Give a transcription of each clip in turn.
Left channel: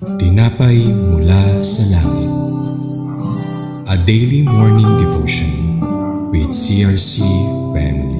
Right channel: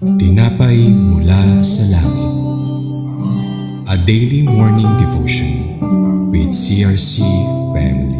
Tinapay mula sa langit. A daily morning devotion with CRC family.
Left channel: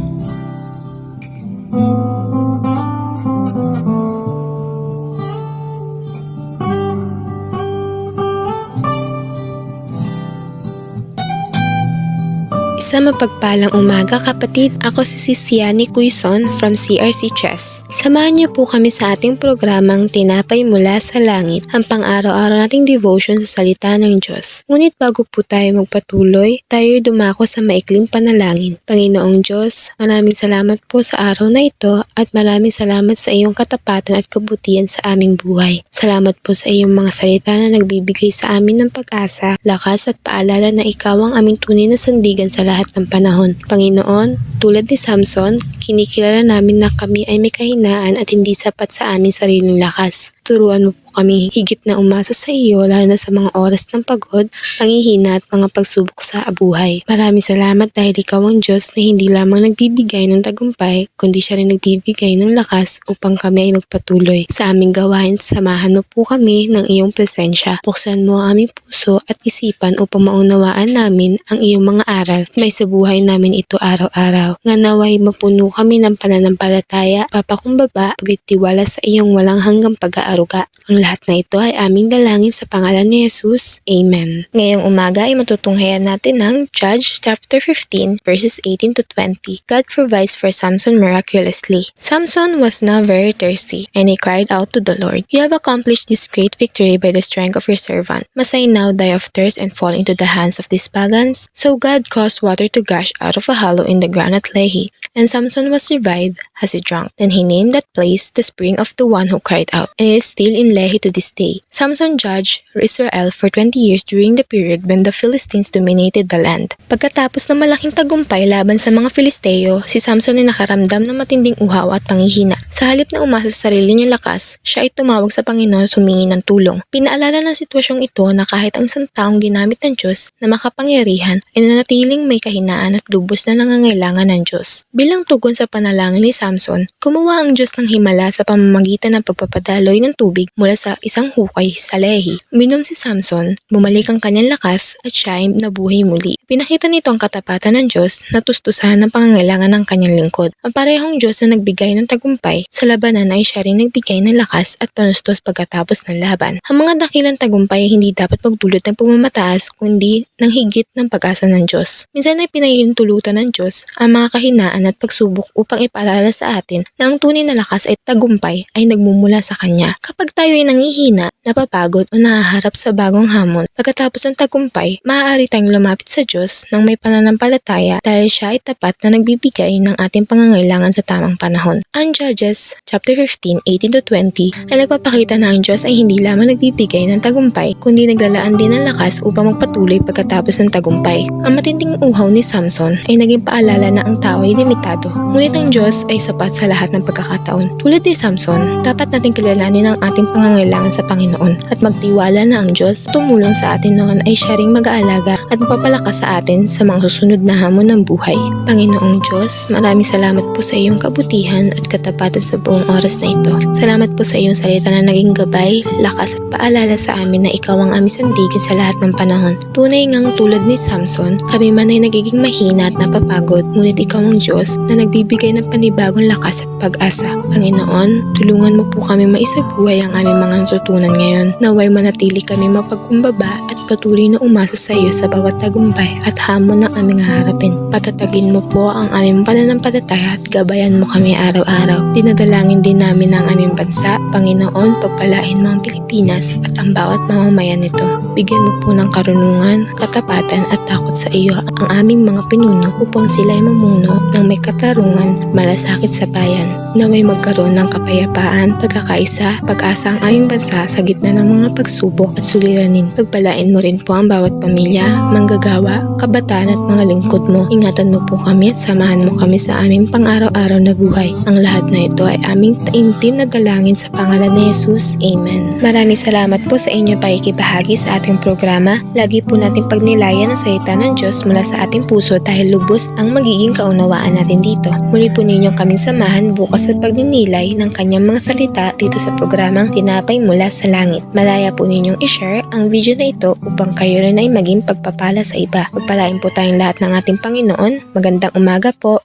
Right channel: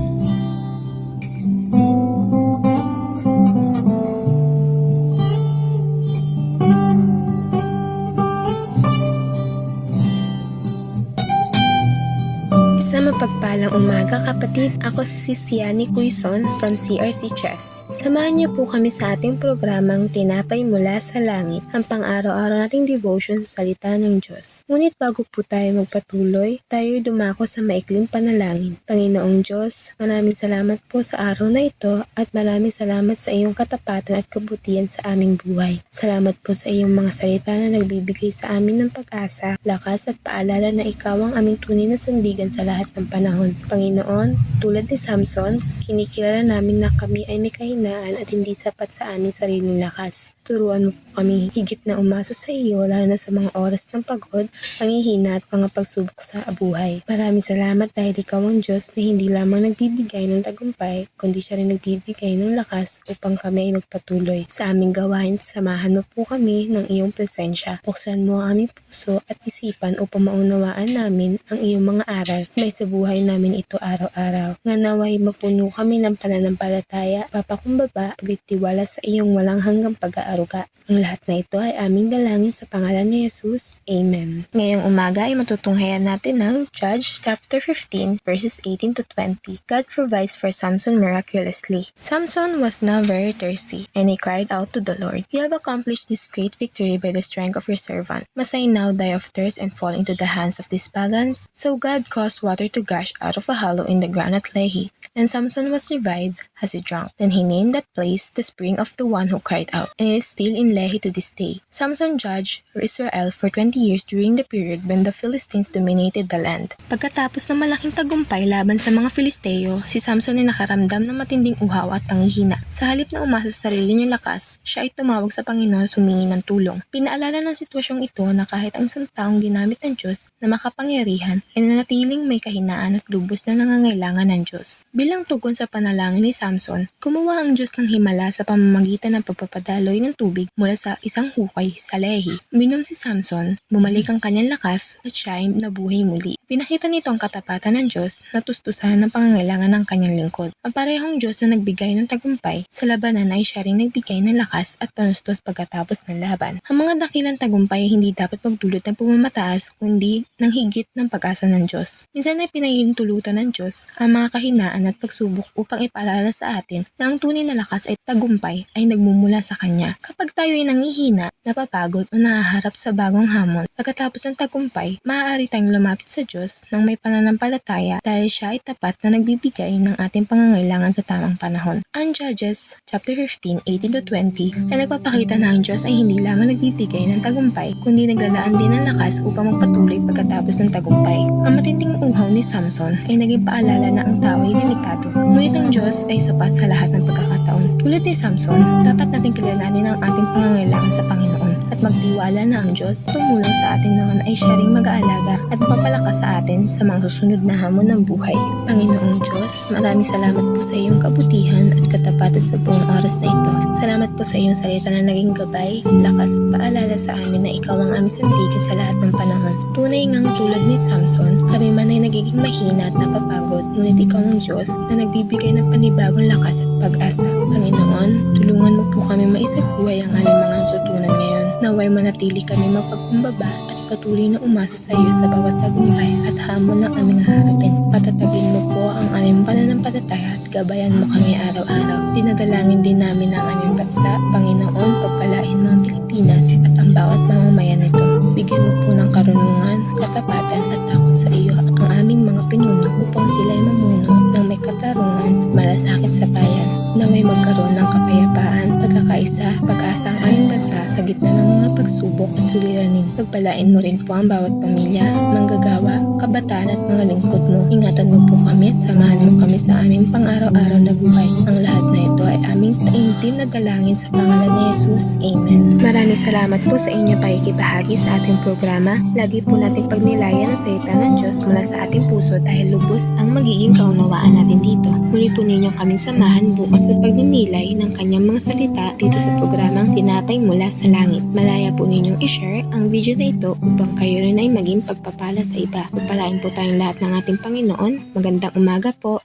Sa mapagpalang umaga kapatid, ako si Siani Quizon from CRC Chess. Samahan niyo po kami sa ating programang Tinapay Mula sa Langit, ang pang-araw-araw nating devotion sa salita ng Diyos. Ngunit bago po tayo magpatuloy, tayo dumako sa maikling panalangin. Panginoong Diyos, maraming salamat po sa araw na ito at maraming salamat sa iyong katapatan at kabutihan sa aming buhay. Salamat po sa iyong mga salita na nagbibigay sa amin ng pag-asa, lakas at paalala na ikaw ang aming tunay na sandigan sa lahat ng panahon. Panginoon, tulad ni Samson, kinikilala namin na kami ay may kahinaan at hindi sapat sa aming sariling lakas. Turuan mo po kami higit na umasa sa iyo lalo na sa mga oras ng pagod, panghihina at mga pagsubok sa buhay. Maraming salamat dahil ikaw ang Diyos na hindi lamang nagbibigay ng tagumpay, kundi siya rin nagbibigay ng lakas upang kami ay magpatuloy. Sa aming gawain, samahan mo po kami ng iyong presensya. Buksan mo ang aming puso at isipan upang maunawaan namin ang iyong mga aral at may sa buhay namin ito araw-araw. Nga naway mapuno kami ng pananampalataya, papakumbaba, pagtitiwala sa iyong walang hanggang pag-aaruga. Ang lahat na ito ay aming dalangin sa pangalan ni Jesus. Amen. Ngayong umaga ay matutunghayan natin ng Judges chapter 15 verses 18 to 20. God provides for Samson miraculously. Samson was now very thirsty, and he cried out to the Lord, "You have accomplished this great victory by the strength of your servant. Must I now die of thirst and fall into the hands of these pagans?" So God caused water to gush out of a hollow in the ground at Lehi, and Samson was revived as he drank. Then he named that place the spring of the one who cried out, and it is still in Lehi to this day. Samson judged Israel for 20 years during the period when the Philistines dominated the land. Pagkatapos ng malaking tagumpay laban sa mga Filisteo, si Samson ay nakaramdam ng matinding uhaw at panghihina. Sa halip na umasa sa sarili niyang lakas, siya ay tumawag sa Panginoon at humingi ng tulong. Pinaalala ng sitwasyong ito na kahit ang isang taong ginamit ng Diyos na makapangyarihan ay nanatiling may kahinaan at lubos na nangangailangan ng Diyos. Bilang tugon sa panalangin ni Samson, gumawa ang Diyos ng himala sa pamamagitan ng pagpapadaloy ng tubig mula sa isang hukay sa Lehi. Uminom si Samson, bumalik ang kanyang lakas at siya ay nabuhay muli. Pinakita nito ang katapatan ng Diyos na tustusan ng pangangailangan ng kanyang lingkod. Ang parehong Diyos na nagbigay ng tagumpay sa labanan ay siya rin nagbigay ng lakas at panustos pagkatapos ng laban. Ang mga dakilang tagumpay ay hindi dapat magdulot ng pagmamataas kundi ng higit ng pag-asa ng Diyos. Minsan ay pinahihintulutan ng Diyos ang mga kahinaan at pagsubok upang ipaalala sa atin na ang tunay na lakas at tagumpay ay nagmumula sa Kanya. Kapag tayo ay nangihina, napapagod o nahaharap sa bagong hamon, pagkatapos ng tagumpay, maaari tayong lumapit sa Diyos ng may pananampalataya dahil siya ay tapat na nagbibigay ng ating pangangailangan sa tamang panahon. Ang Judges chapter 15, 18 to 20 ay nagpapakita na ang Diyos ay hindi lamang nagbibigay ng tagumpay, kundi naglalaan din ng lakas upang magpatuloy pagkatapos ng tagumpay. Ang matinding uhaw ni Samson ay naging paalala na ang tao ay limitado, ngunit ang Diyos ay sapat sa lahat ng pagkakataon. Tulad ni Samson, dapat nating kilalanin ang ating pangangailangan sa Panginoon at magtiwala na ang Diyos tumulong sa atin noon ay siya ring mag-aalaga at magpapalakas sa atin sa mga susunod na hamon ng buhay. Panginoong Diyos, maraming salamat po sa iyong kabutihan at katapatan sa buong oras na ito. Salamat po sa iyong salita na naging gabay, lakas at paalala sa amin na ikaw ang aming sandigan sa lahat ng panahon. Tunay ngang tulad ni Samson, kami man ay nagiging mahina at napapagod, ngunit ikaw ang Diyos na nagbibigay ng panibagong lakas at pag-asa. Panginoon, tulungan mo po kami maisabuhay ang aming mga natutunan ngayon. Naway manatili kami mapagkumbaba at patuloy na umasa sa iyo sa bawat tagumpay at hamon na aming haharapin. Patatagin mo po ang aming pananampalataya at gabayan mo kami araw-araw. Dinadalangin din namin ang aming bansa. Panginoon, pagpalain mo ang Pilipinas at ang bawat mamamayan nito. Bigyan mo po ng karunungan, katapatan at takot sa iyo ang aming mga pinuno upang sila ay mamuno ng may katarungan, malasakit sa bayan. Naway magkaroon ng kapayapaan, pagkakaisa, pag-asa ang aming bansa sa gitna ng mga pagsubok at suliranin. Pagpalain mo mo rin po ang bawat pamilya, manggagawa, kabataan at mga lingkod mo. Ingatan mo po kami at samahan mo kami sa aming pang-araw-araw na buhay. Ang lahat na ito ay aming taimtim na dalangin sa pangalan ni Jesus. Amen. Maraming salamat po sa inyong pakikibahagi sa ating programa. Lagi po natin pagnilayan ang salita ng Diyos mula sa ating puso dahil lubos ang magiging kaunawaan natin dito. Muli po ninyong kaming samahan bukas sa pagninilay ng kanyang mga salita dito sa programang Tinapay Mula sa Langit. Malaya po ninyong i-share ang video na ito upang kayo rin ay maging pagpapala sa iba. Pagpalain po tayong lahat ng ating Panginoon. Magandang umaga po.